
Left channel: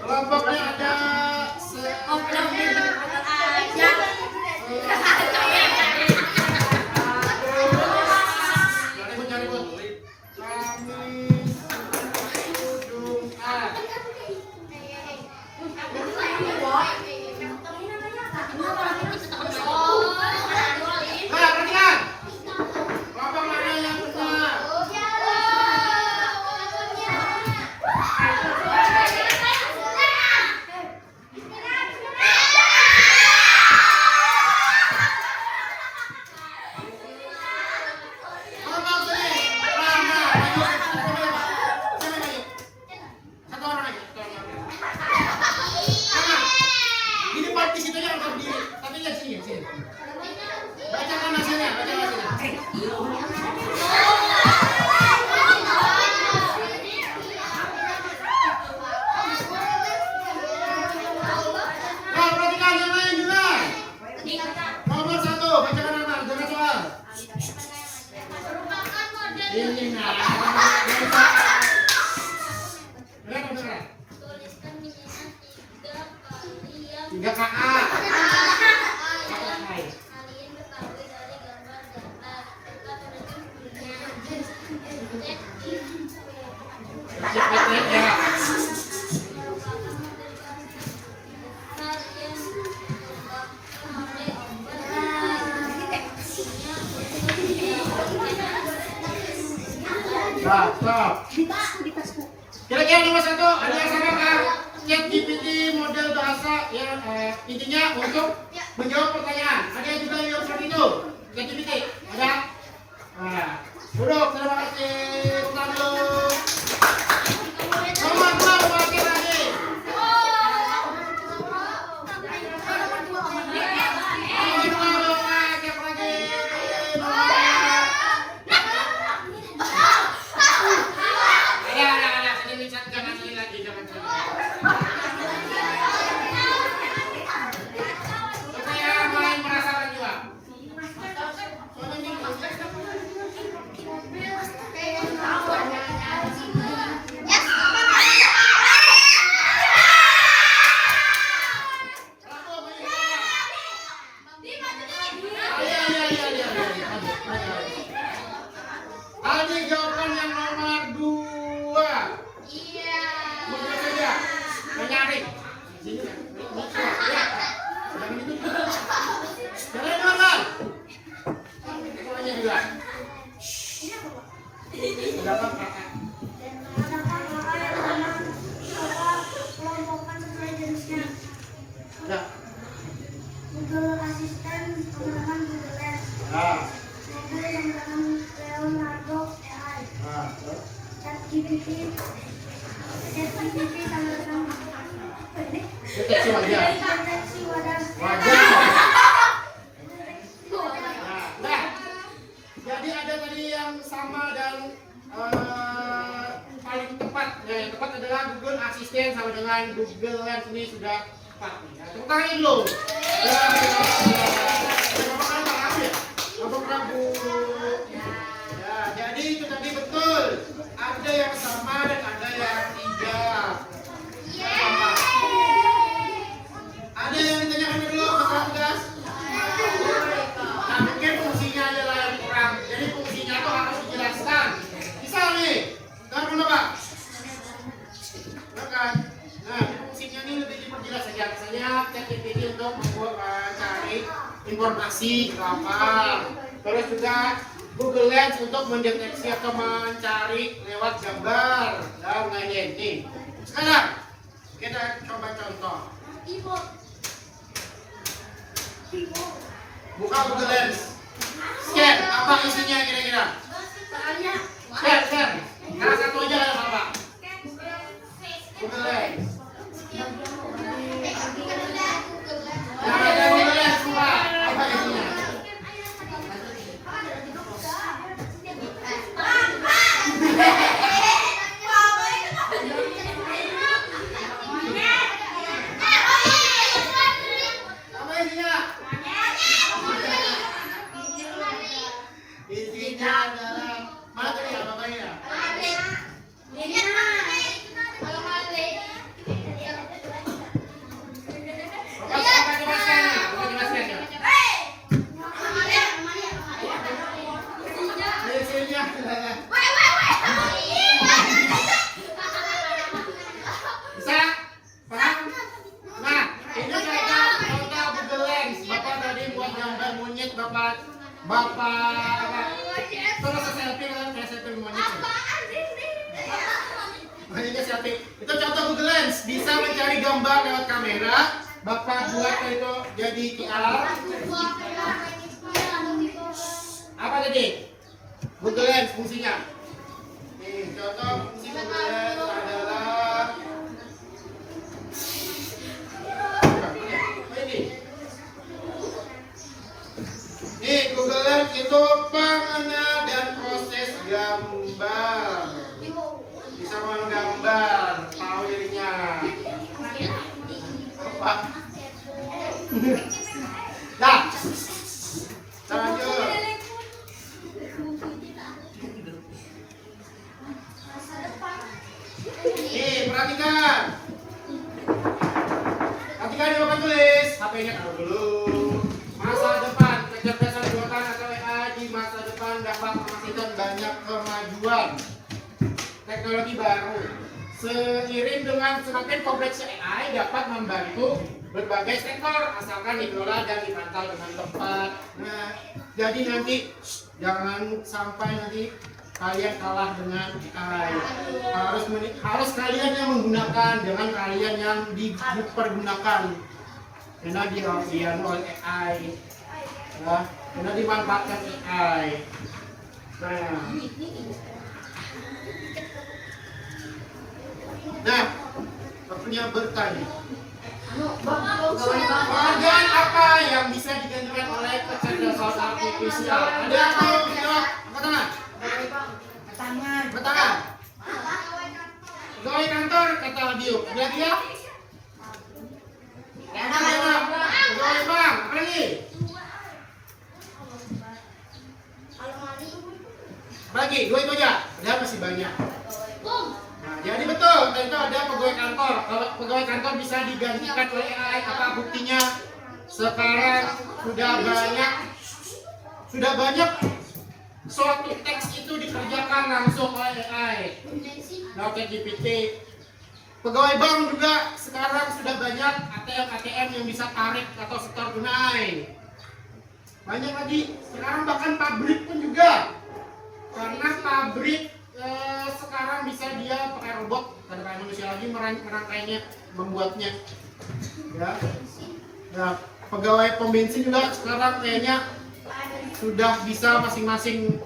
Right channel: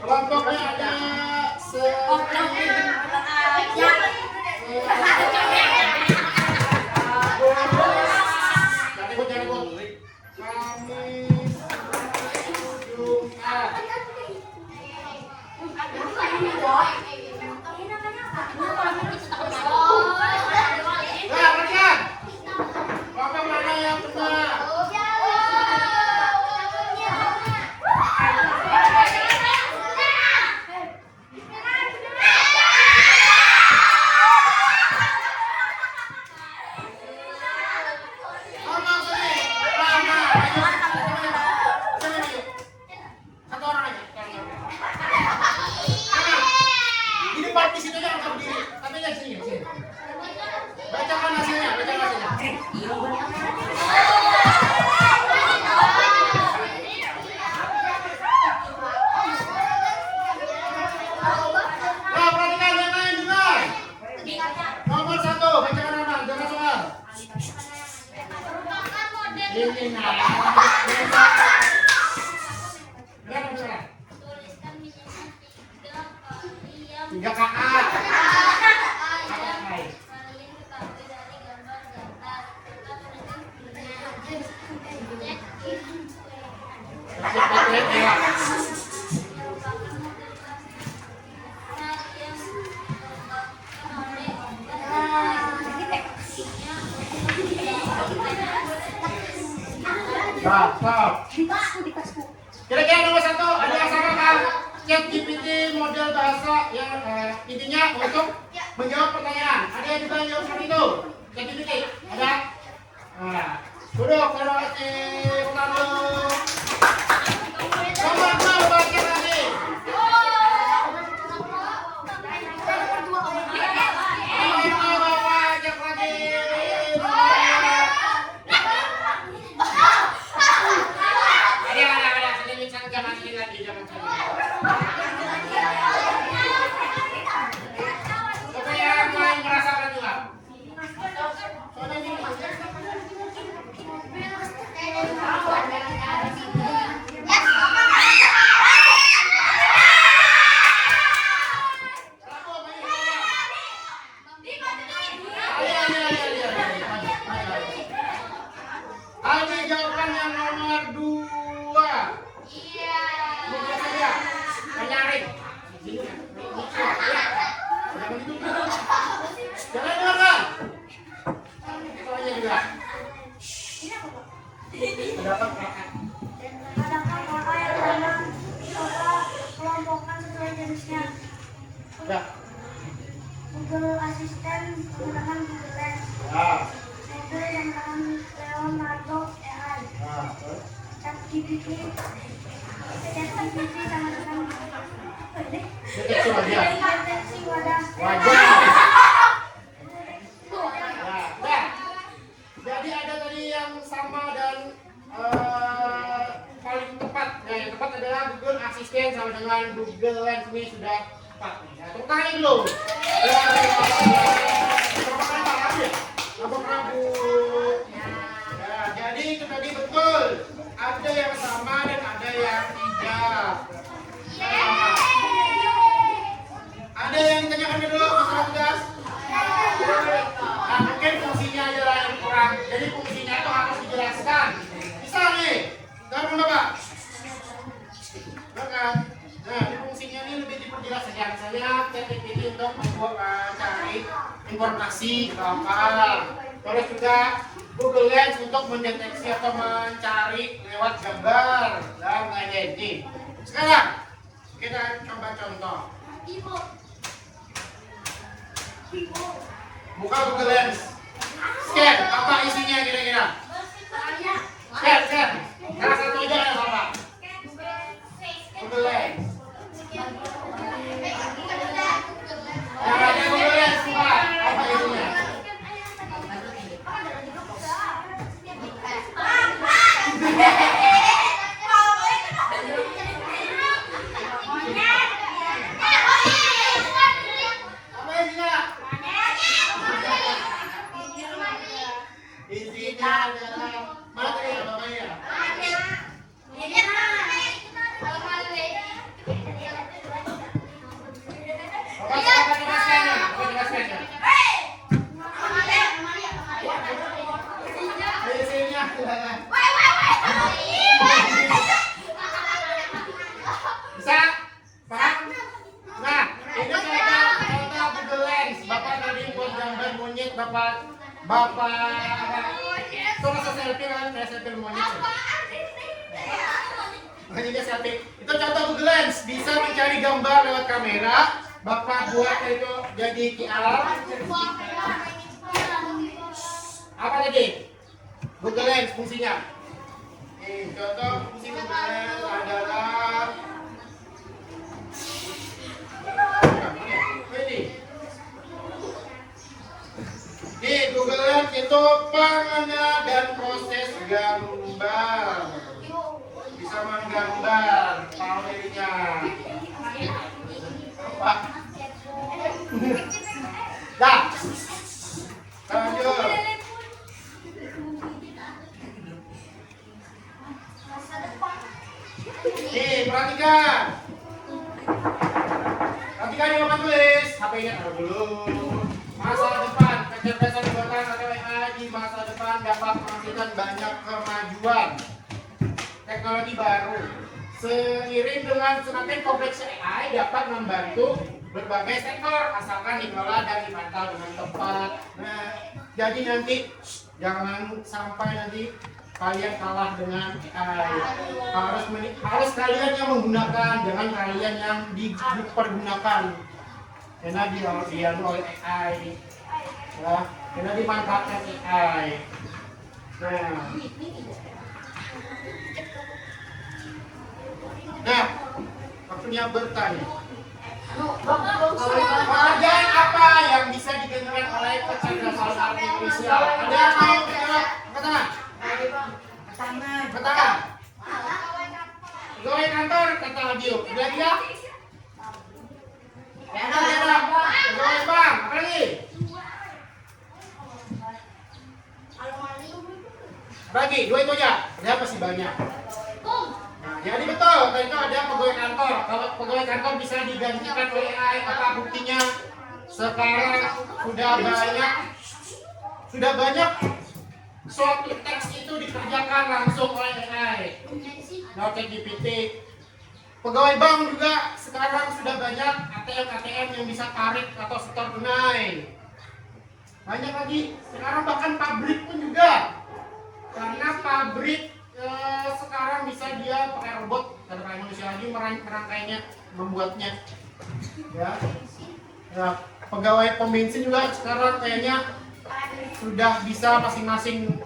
Kelompoknya ada bacakan hasilnya. Nah, perhatikan yang lain juga. Nomor 1, bacakan nama, jangan soal. Ini nah. Berapa? 3 KA. Stop. Kira-kira nomor 1 ada yang sama kan? ChatGPT model bahasa yang intinya untuk menjawab pertanyaan. Ada yang juga yang seperti itu? ChatGPT ada? Nah, duduk, terima kasih. Duduk. Nomor 2 baca lagi. Aldi jawaban yang nomor 2. Iya. Mudah saja. Menyaring. Jangan dengar. Soalnya juga. Dapat kakak. Sesuai jenisnya. Ya. Google Asisten menggunakan Google Lens. Nah. Google yang menggunakan Leonardo AI. Nah. ChatGPT sama-sama Deteksi wajah. deteksi wajah. Nah, jadi ada tadi yang sama dan paling tepat. Yang tepat adalah Google Assistant sama dengan Google Lens ini sudah tepat nih. Nah, tepuk tangan dulu. Berapa kali paham ya? Abang Prabu. Ya, jadi itu tadi betul. Ada yang sama dan ada yang tidak. Ada yang ditanyakan dulu masalah tugas? Nah, mungkin fungsinya adalah yang kurang. Jadi fungsinya itu harus dijelaskan. Misalnya, karena Pak? Nah, fungsinya ini lebih diperjelas saja. Misalnya ChatGPT untuk mencari informasi kapal. Terus juga Google Lens untuk mendeteksi atau mencari lewat gambar dan lain-lain. Sekarang kita coba contoh. Buka Google Lens. Scan, apa isinya kira-kira? Scan. Salah satu aja ada apa? Google Lens. Nah, ada Google Lens apa isinya? Apa isinya? Isinya adalah materi apa ya? Bisa? Paham? Nah, ini contoh Google Lens. Bapak tadi buat gambar monyet, Bapak terus selfie kan, kayak selfie monyet ya? Ini selfie. Itu contoh Google Lens. Bisa mencari gambar lewat kamera. Bapak buat itu jadi QR. Apa tadi? Google Lens fungsinya. Contoh fungsi Google Lens adalah ini Google Lens itu pengenal dan proses gambar. Bisa menggambar powernya. Apa? Nah, lanjut. Nih, perhatikan. Perhatikan yang Bapak tulis. HP-nya taruh dulu. Masa depan, kecerdasan buatan atau AI di masa depan dapat menghasilkan banyak kemajuan teknologi baru. Seiring dengan semakin kompleksnya AI dapat membantu berbagai sektor asalkan dikelola dan dipantau dengan tepat. Nah, jadi nanti jangan sampai nanti kalian kalah dengan AI. Harus kalian yang menggunakan, jangan kalian yang dipergunakan. Karena dilakukan oleh AI, ya, karena dimanfaatkan AI. Nah, waktunya bertanya. Pekerjaan apa yang bisa digantikan oleh kecerdasan artifisial? Ada yang mau angkat tangan? Angkat tangan. Pegawai kantor kata Bio. Ada dia? Ada. Pegawai bank. Apa lagi? Bagi dua itu aja. Ada masih banyak. Nah, jadi betul, tentu ada pegawai kantor. Kalau pegawai kantor bisa digantikan oleh AI, apa buktinya? Sekarang sudah banyak suatu teks itu dikerjakan langsung oleh AI. Nah, ChatGPT. Pegawai bank juga sekarang sudah banyak ATM yang bisa tarik atau setor tunai. Banyak lagi. Sekarang bahkan pabrik pun juga. Karena pabrik sekarang bisa dia pakai robot, tidak pakai manusia lagi merangkainya, membuatnya. Ya. Nah, pegawai pom bensin juga sekarang kayaknya sudah bisa masing-masing,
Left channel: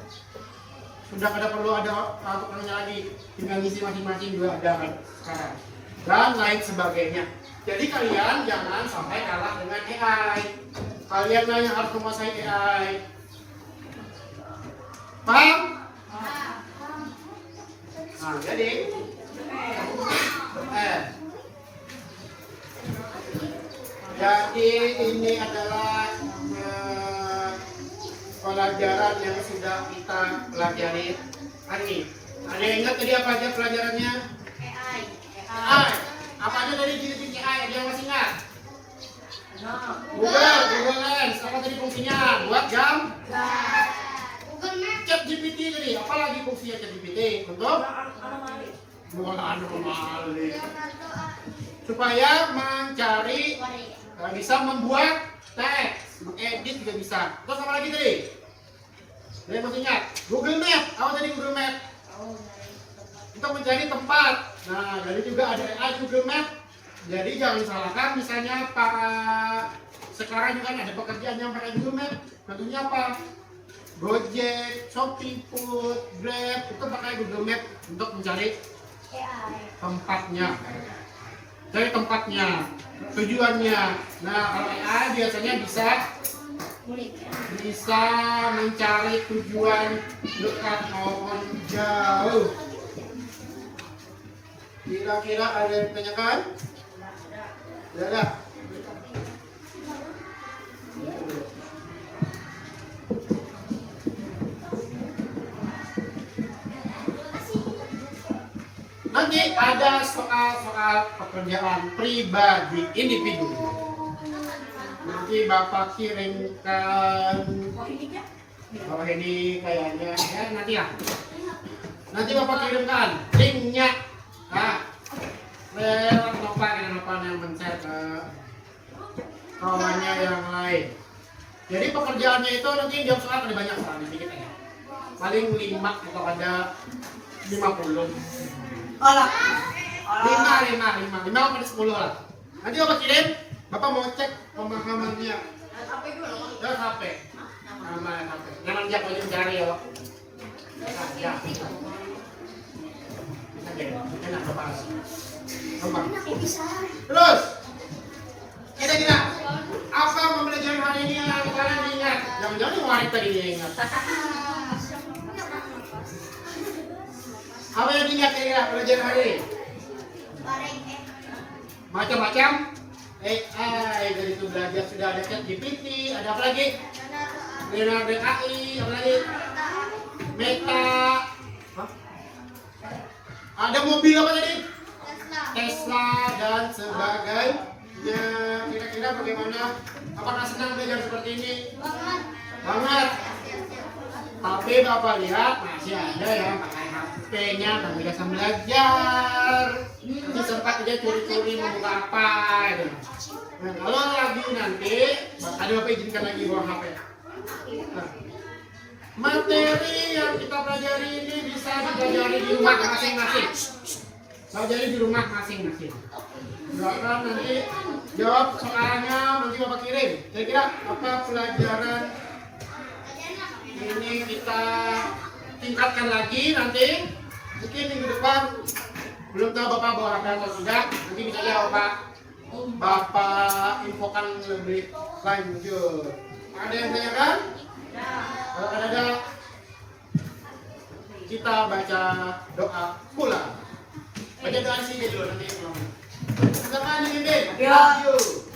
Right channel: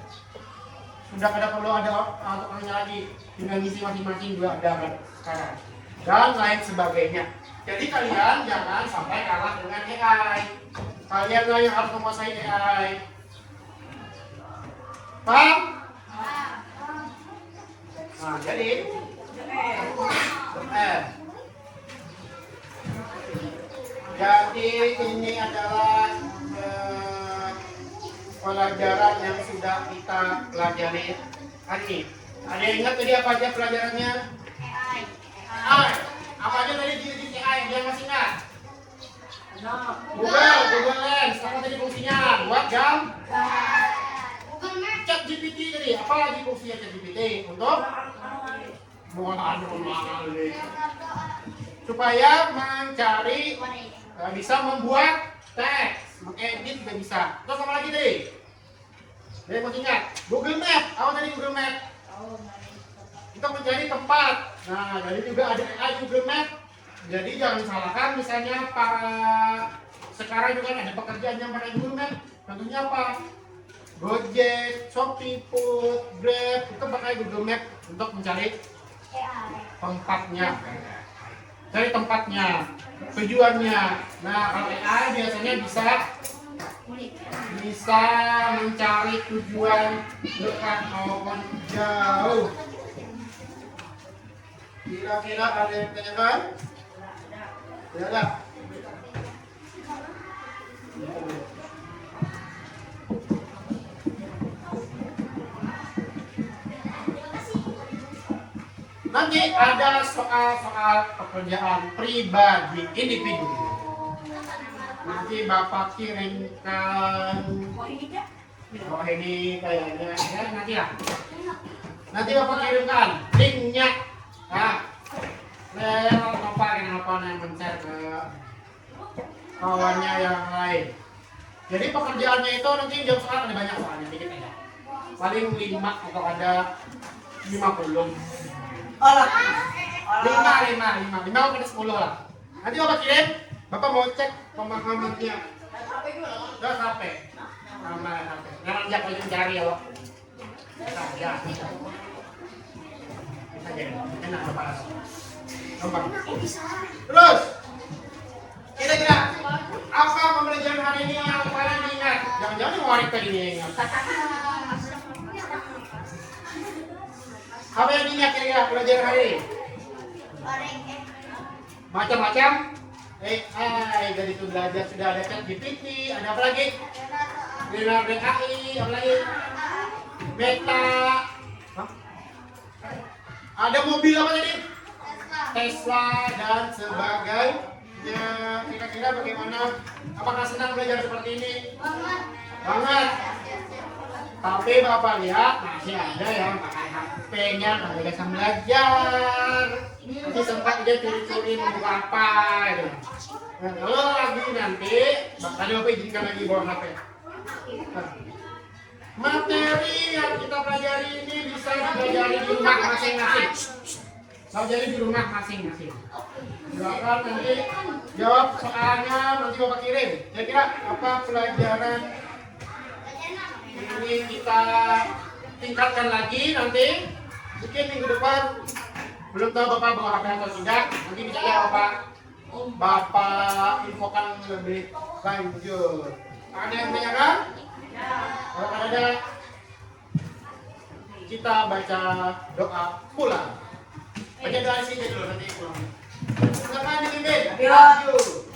sudah tidak perlu ada tukangnya lagi, tinggal ngisi masing-masing juga ada kan sekarang, dan lain sebagainya. Jadi kalian jangan sampai kalah dengan AI. Kalian yang harus menguasai AI. Paham? Nah, jadi Jadi ini adalah pelajaran yang sudah kita pelajari hari ini. Ada yang ingat tadi apa aja pelajarannya? AI. Apa aja tadi di AI? Ada yang masih ingat? Google Lens. Apa tadi fungsinya? Buat jam? Chat GPT tadi. Apa lagi fungsinya Chat GPT? Untuk? Anomali. Supaya mencari, bisa membuat teks, mengedit juga bisa. Terus apa lagi tadi? Dia masih ingat? Google Map. Apa tadi Google Map? Untuk mencari tempat. Nah, jadi juga ada AI Google Map. Jadi jangan salahkan, misalnya sekarang juga ada pekerjaan yang pakai Google Map. Tentunya apa? Gojek, Shopee Food, Grab itu pakai Google Map untuk mencari tempatnya. Cari tempatnya, tujuannya. Nah, kalau AI biasanya bisa mencari tujuan dekat maupun jauh. Kira-kira ada yang ditanyakan? Ya ada. Nanti ada soal-soal pekerjaan pribadi individu. Nanti Bapak kirimkan. Oh ini kayaknya ya nanti ya. Nanti Bapak kirimkan linknya. Nah, Bapak kenapa yang men-share ke kawannya yang lain. Jadi pekerjaannya itu nanti jawab soal ada banyak soalnya sedikit ya. Paling 5 atau ada 50. Lima ke 10 lah. Nanti Bapak kirim, Bapak mau cek pemahamannya. Jangan HP. Jangan ajak lagi mencari ya, Pak. Ya. Enak Bapak. Gampang. Terus, kira-kira apa pembelajaran hari ini yang kalian ingat? Jangan-jangan yang wanita tadi ingat. Apa yang ingat kira-kira pelajaran hari ini? Macam-macam AI, dari itu belajar sudah ada Chat GPT, ada apa lagi? Leonardo AI, apa lagi? Meta. Hah? Ada mobil apa tadi? Tesla dan sebagainya. Kira-kira bagaimana? Apakah senang belajar seperti ini? Banget. Tapi Bapak lihat masih ada yang pakai HP-nya kalau biasa belajar. Nanti sempat dia curi-curi membuka apa itu. Nah, kalau lagi nanti, tadi Bapak izinkan lagi bawa HP. Nah, materi yang kita pelajari ini bisa dipelajari di rumah masing-masing. Pelajari di rumah masing-masing. Silakan nanti jawab soalnya nanti Bapak kirim. Kira-kira apa pelajaran ini kita tingkatkan lagi nanti, mungkin minggu depan. Belum tahu Bapak bawa HP atau tidak, nanti bisa ya Bapak infokan lebih lanjut. Ada yang tanyakan? Kalau ada, kita baca doa pula. Baca doa sini dulu nanti itu. Sama ini deh. Yuk.